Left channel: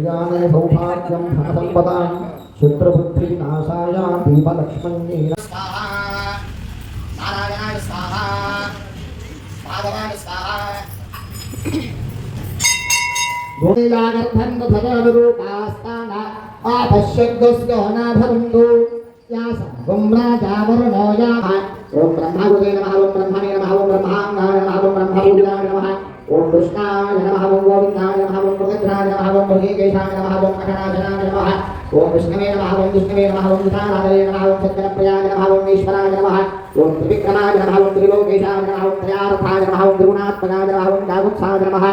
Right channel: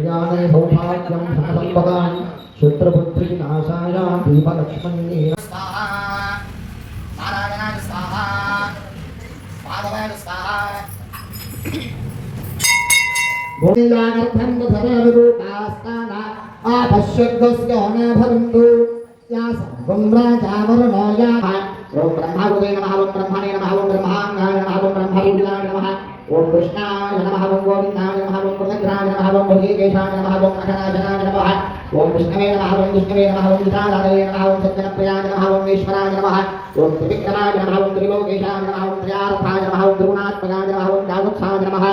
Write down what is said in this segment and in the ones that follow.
ज्ञाने सौभाग्यं धनसम्पदां शत्रुबुद्धिनाशाय दीपलक्ष्मण्ये स्वाहा नारायणाय स्वाहा माधवाय स्वाहा गोवियागर्भं भवनुरूपास्ताना आपश्यद्दस्य अनाभवन्तु या सर्वं राजावरुणो याः ओम ब्रह्मावते नमः ओम ब्रह्मणे नमः ओम ब्रह्मांगाय नमः ओम ब्रह्मरूपाय नमः ओम कृष्णाय नमः ओम गोविन्दाय नमः ओम मृगन्द्राय नमः ओम महेकेशाय नमः ओम मकराजनाय नमः ओम विष्णवे नमः ओम विष्णवे नमः ओम विशालाय नमः ओम सत्यप्रियाय नमः ओम ईश्वराय नमः ओम त्रिविक्रमाय नमः ओम त्रिलोकेशाय नमः ओम त्रयार्थाय नमः ओम त्रिगुणात्मकाय नमः ओम दागुत्साय नमः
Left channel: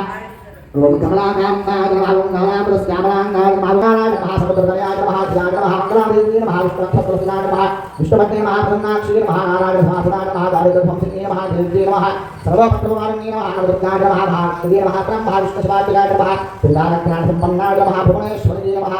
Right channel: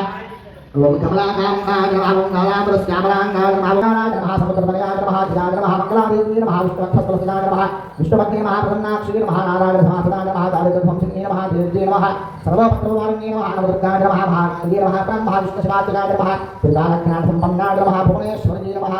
ओम कमलाकान्ताय नमः ओम कमलापुरस्यामलांगाय नमः ओम नमः समुद्रतनयाय नमः ध्याय नमः कमलादेवी नमः विष्णुवक्षप्रसन्नाय नमः विष्णुपत्नी नमः ब्रह्माक्षी नमः नारायण समासनाय नमः दारिद्र्यध्वंसिनी नमः देवी नमः सर्वपत्रमालिनी नमः दुर्गाय नमः महादेवी नमः ब्रह्मा विष्णुशिवात्मकाय नमः त्रिकालज्ञानसम्पन्नाय नमः भुवनेश्वरी नमः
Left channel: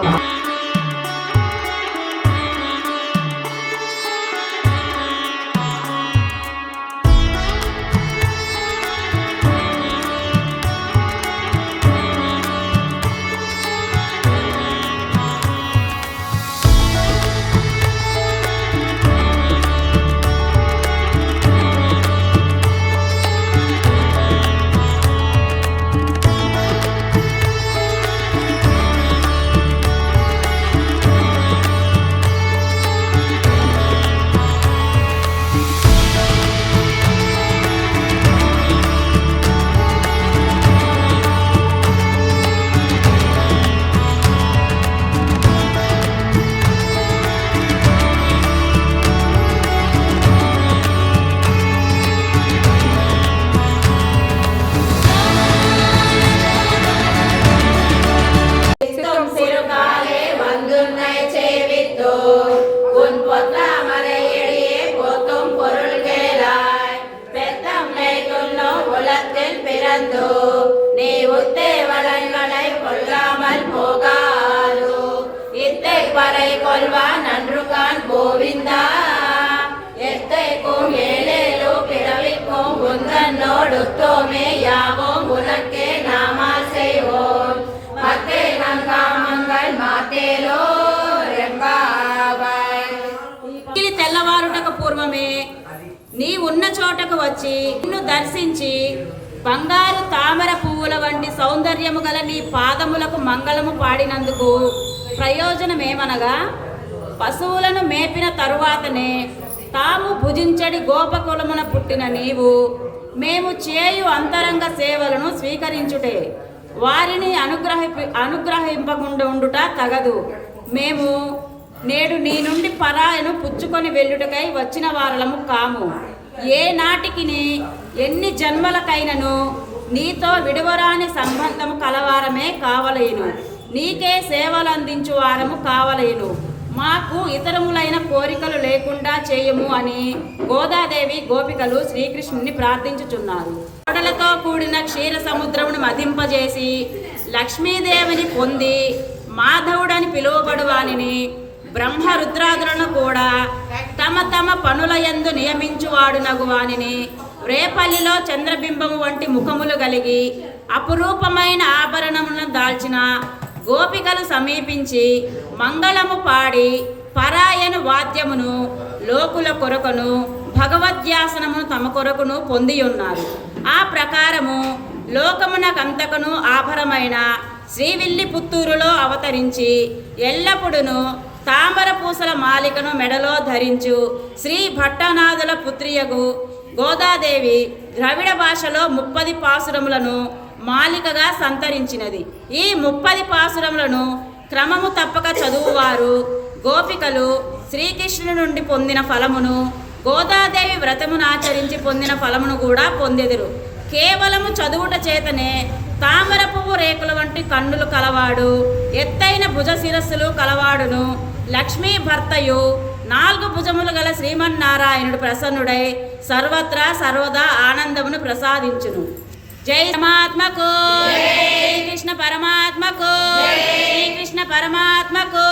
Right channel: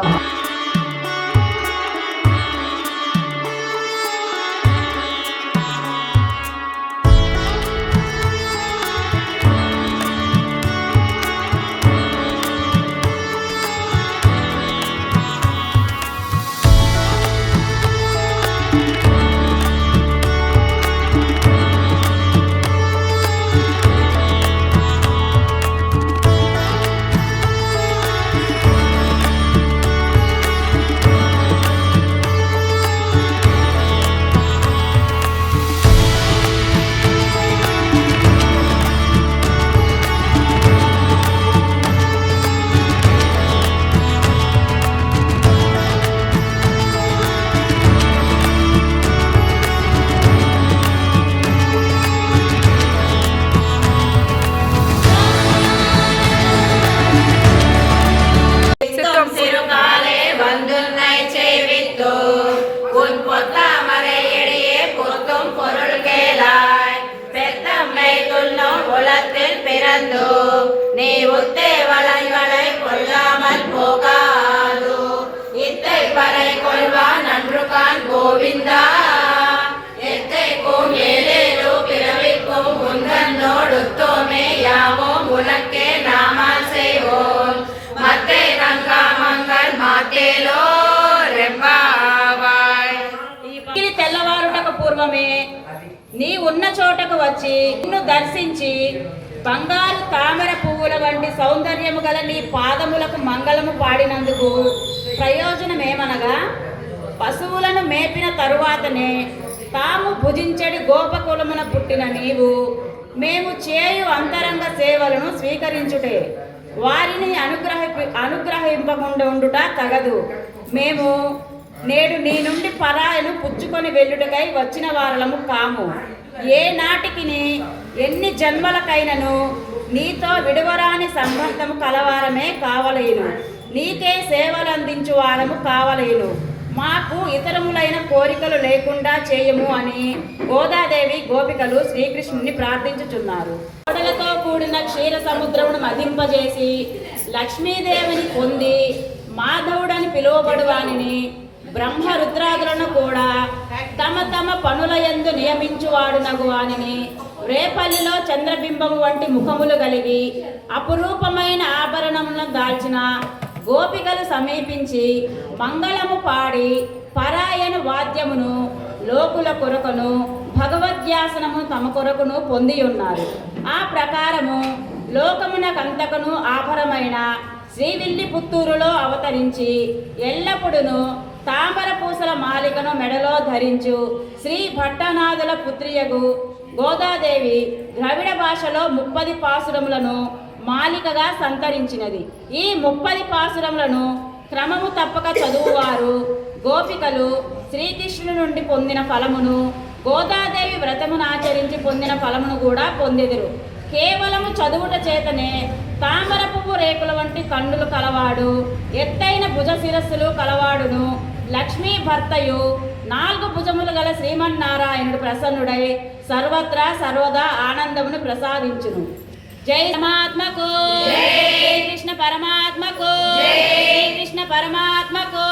गोविंदा पिरविक्कुम गुंदनोडुत्तो में यावो मुलक्के नामा से हो मते रंगा मंगल मातेलो रेंबावाय ఈ తెల్లవారుటకు పూర్వమే నీ ఉన్న చోటకు వచ్చి నిన్ను దర్శించి బంగారు తామర పువ్వుల వంటి సౌందర్యము గల నీ పాదములకు మంగళము పాడినందుకు ప్రయోజనమేమనగా పశువులను మేపిన తరువాతనే తాము భుజించడి గోపకులమున పుట్టిన నీవు మేము చేయు అంతరంగ సేవలను స్వీకరించుటే వారిని అనుగ్రహింపకుండా ఉండుట తగదు. మేము నేడు నీ నుండి పరాయను పుచ్చుకొని వెళ్ళుటకై వచ్చిన వారలము కాము. ఏ నాటికి ఎన్ని జన్మలకైనను నీతో విడువరాని సంబంధము కలవారమే కావలేను. నీకే సేవలందించు వారము కావలేను. మాకు ఇతరములైన కోరికలు లేకుండా చేయము అని గోదాదేవి గోపికలు శ్రీకృష్ణుని ప్రార్థించుచున్నారు. కోడలతో కూడిన క్షీర సముద్రమును మదింపజేసి లక్ష్మీదేవిని పొంది మాధవుడని పిలువబడు వానిని బ్రహ్మ రుద్రాదులను కూడా తమ తమ పనులయందు నియమించువాడునగు వానిని రేపల్లిలో చంద్రబింబము వంటి ముఖములు కలిగి అపురూపమైన ఆభరణములను దాల్చిన గోపికలు సమీపించి మంగళము పాడి పరాయను వాద్యమును లోకుల కొరకును భగవద్యాసనమును తమ కొరకును పొంది ఉన్నారు. ఆ ప్రకారము లోకమునకంతకును ఆభరమైన శ్రీవిల్లి పుత్తూరులో అవతరించి ఎల్లప్పుడును తామర పూసల మాలికను మెడలో ధరించు శ్రీ భట్టనాథుల పుత్రియగు గోదాదేవి ద్రవిడ భాషలో 30 పాసురములను మాలికగా సంతరించినది. ఈ 30 పాసురములను క్రమము తప్పక చదువువారు గోపికలు శ్రీకృష్ణుని నుండి పొందిన ఫలమును గోదాదేవి వ్రతమును ఆచరించి పొందిన ఫలమును కూడా పొందెదరు. కేవలము చదువుట చేతనే తామర పువ్వు రేకుల వంటి కన్నులు కలవాడు, ఎత్తైన భుజ శిరస్సులు కలవాడును లక్ష్మీ భర్తయు 4 భుజములు గల శ్రీమన్నారాయణుడు ప్రసన్నుడై సర్వత్రా సర్వదా ఆనందమును ప్రసాదించును. జై పరమాత్మకు, జై కృష్ణ పరమాత్మకు, జై కృష్ణ పరమాత్మకు.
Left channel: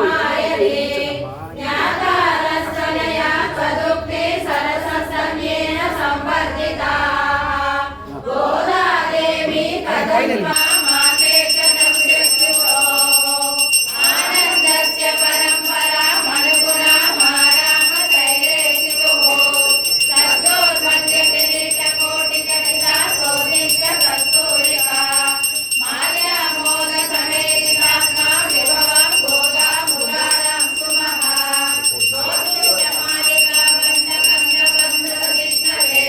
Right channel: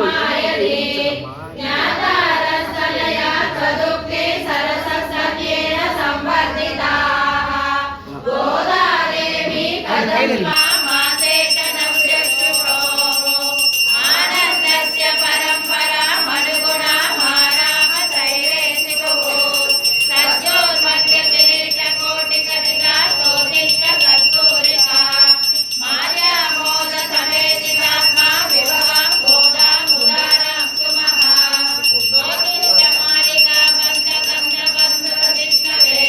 समायते ज्ञातारस्तनया त्वदुक्ते सरससंज्ञेन संवर्धिताः गोदा देवी कदम्बा माते च नव्यक्षुषो आनन्दस्य परम्परा मनुगुणा मानाम त्रैलेशितुः सद्योन्मध्य किरीटकोटिकटिका सोदिष्ट कस्तूरिका माया मोद समेतिकात्मा विभवां गोदा मुदारां सुमहा गोतुष्टमालिका बन्धकन्धबन्धुरजिष्णवे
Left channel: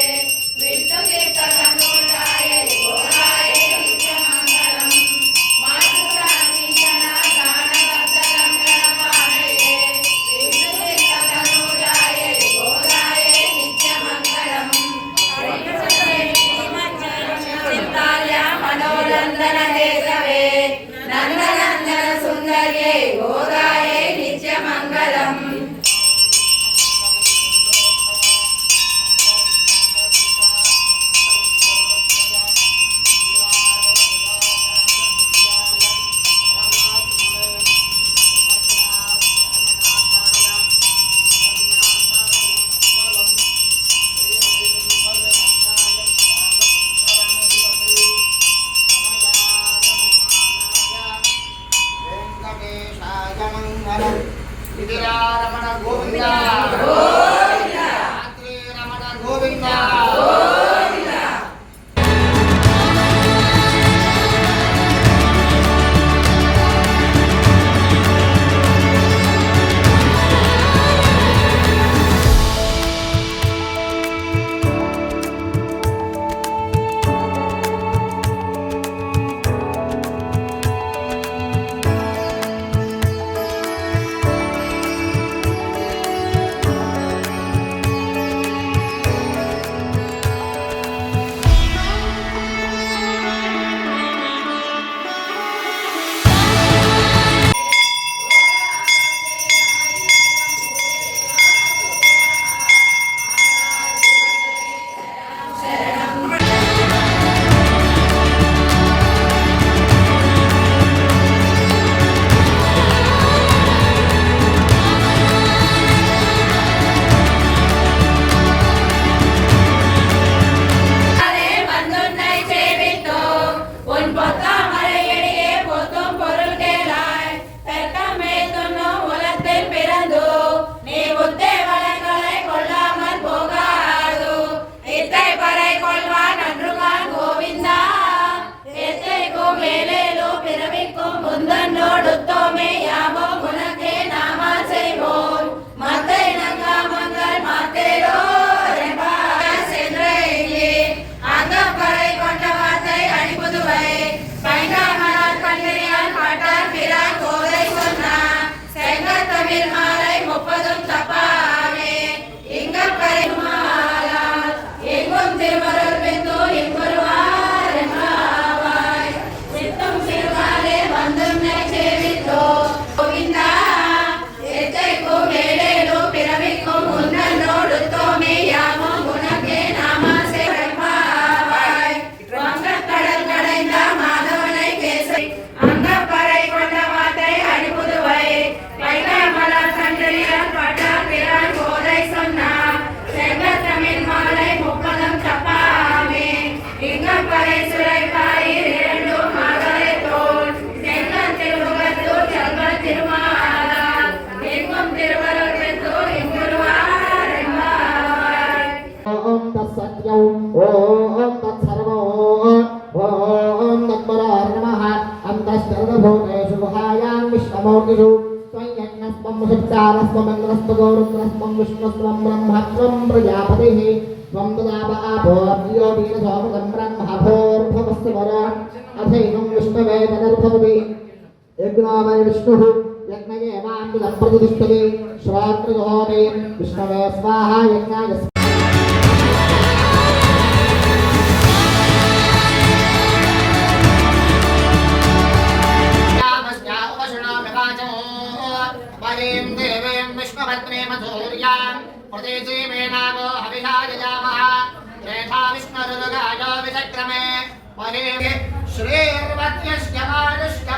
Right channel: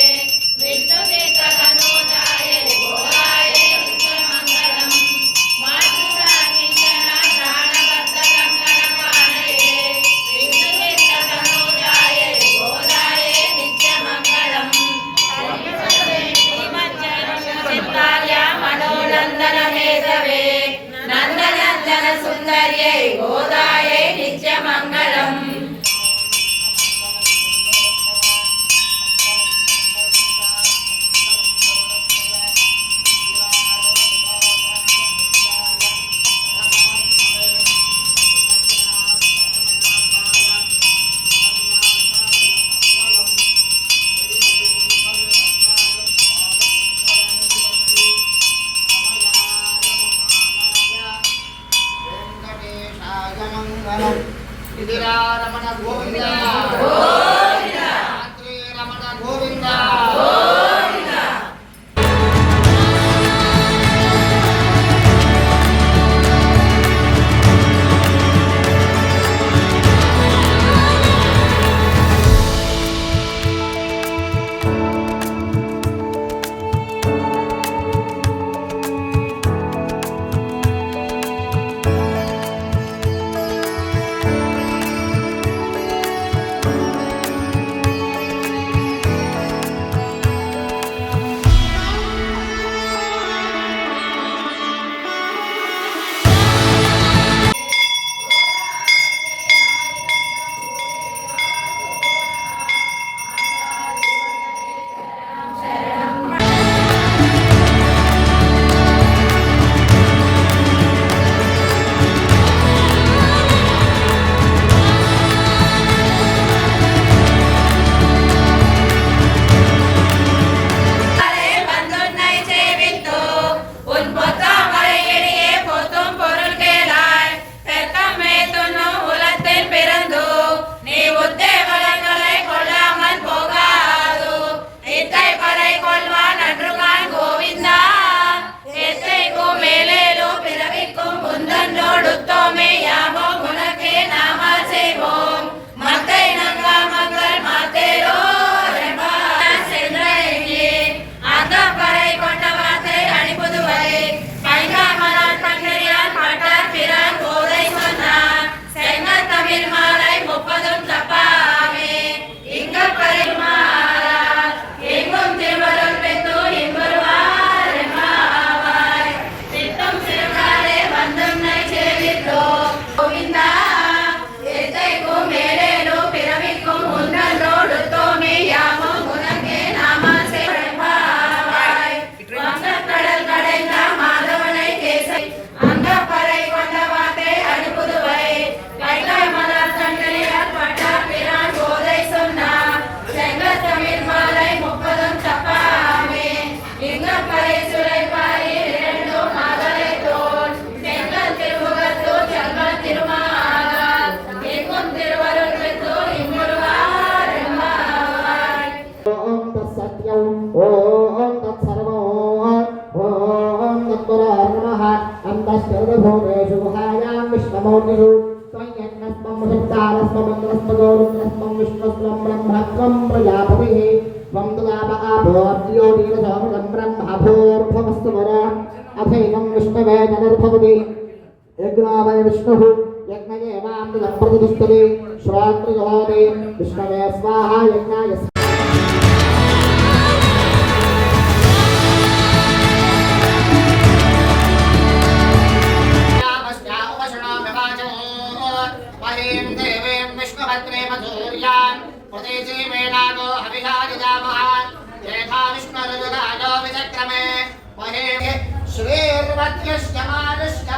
विष्णुकीर्तनोदाये गोदाये नित्यमङ्गलम् मातृसाकिञ्चना प्राणबद्धकङ्कणपाणये विष्णुकीर्तनोदाये गोदाये नित्यमङ्गलम् श्रीमज्जनचित्ताया मनोरञ्जनहेतवे नन्दनन्दन सुन्दर्ये गोदाये नित्यमङ्गलम् వెంకటేశాయ మంగళం. ఇదిరా రమణ గోవింద రాత్రి రమణ గోవింద. வந்துன்னை சேவித்தோ உன் பொத்தாமரையடியே பொத்தும் பொருள் கேளாய் தெற்கமே துண்ணும் உலத்தில் பிறந்து நீ உத்தே வளங்களை கொள்ளாமல் போகாது இத்தை பறை கொள்வான் அன்றுகான் கோவிந்தா எத்தைக்கும் மேலேலும் பிறவிக்கும் முந்தன்னோடுத்தோமே யாமோ உனக்கே நாம செய்வோம் மத்தை நங்காமங்கள் மாத்தேரோ ரெபா சென்றையே அங்கப்பறை கொண்ட வார்த்தை அணிபுதுவை பைங்காமலால் பங்கனியால் காட்டார் பிறார் கோதை சொன்னார் செங்கல் தமிழ் மாலை 30 தப்பாவே இங்கப்பறை மாறார் எங்கும் திருவருள் பெற்று இன்புருவார் எம்பாவாய் சித்தும் சிறுகாலே வந்தும் நை சேவித்தோ கோவிந்தா எத்தைக்கும் மேலேலும் பிறவிக்கும் உன்னோடு தோமே யாமும் உனக்கே நாம செய்வாய் வங்கக்கடல் கடைந்த மாதவனை கேசை அங்கப்பறை கொண்ட வார்த்தை அடிபுதுவை வெள்ளை மலர் தண்டனையால் கட்டா பிறான் கோதை சொன்னார் செங்கல் தமிழ் மாலை 30 தப்பாமே இங்கப்பறை சுரைப்பாயில் 2 மகளே தோல் செங்கல் திருமுகத்தூர் செங்கல் திருமாலால் எங்கும் திருவருள் பெற்று இம்முருவார் எம்பாவாய். ఓం తత్సత్యం ఓం తత్సర్వం ఓం తత్పరాయ నమః అంతఃసర్వభూతేషు గుహాయాం విశ్వమూర్తిషు త్వయ్యన్నస్మం ముషిప్తారస్మం మంగళస్మగౌరుద్రస్మం విష్ణుస్మం బ్రహ్మత్వం ప్రజాపతిః త్వం తదాపకాపోర్యోగీరసోమకం బ్రహ్మభూర్భువస్సు వరాన్ అథైనం విష్ణవే జనర్భవతి యజ్ఞావయ విష్ణుః యజ్ఞయేవామృతం ప్రతిష్ఠతే శ్రోత్రగోదే విష్ణవే స్వాహా యజ్ఞాయ विष्णुपत्रे मधुर्यां प्रदेशे मेनागो हविषायजामः यथा विष्णुरुदायो विचक्रमे महे श्रीर्वत्यस्य मानुष्य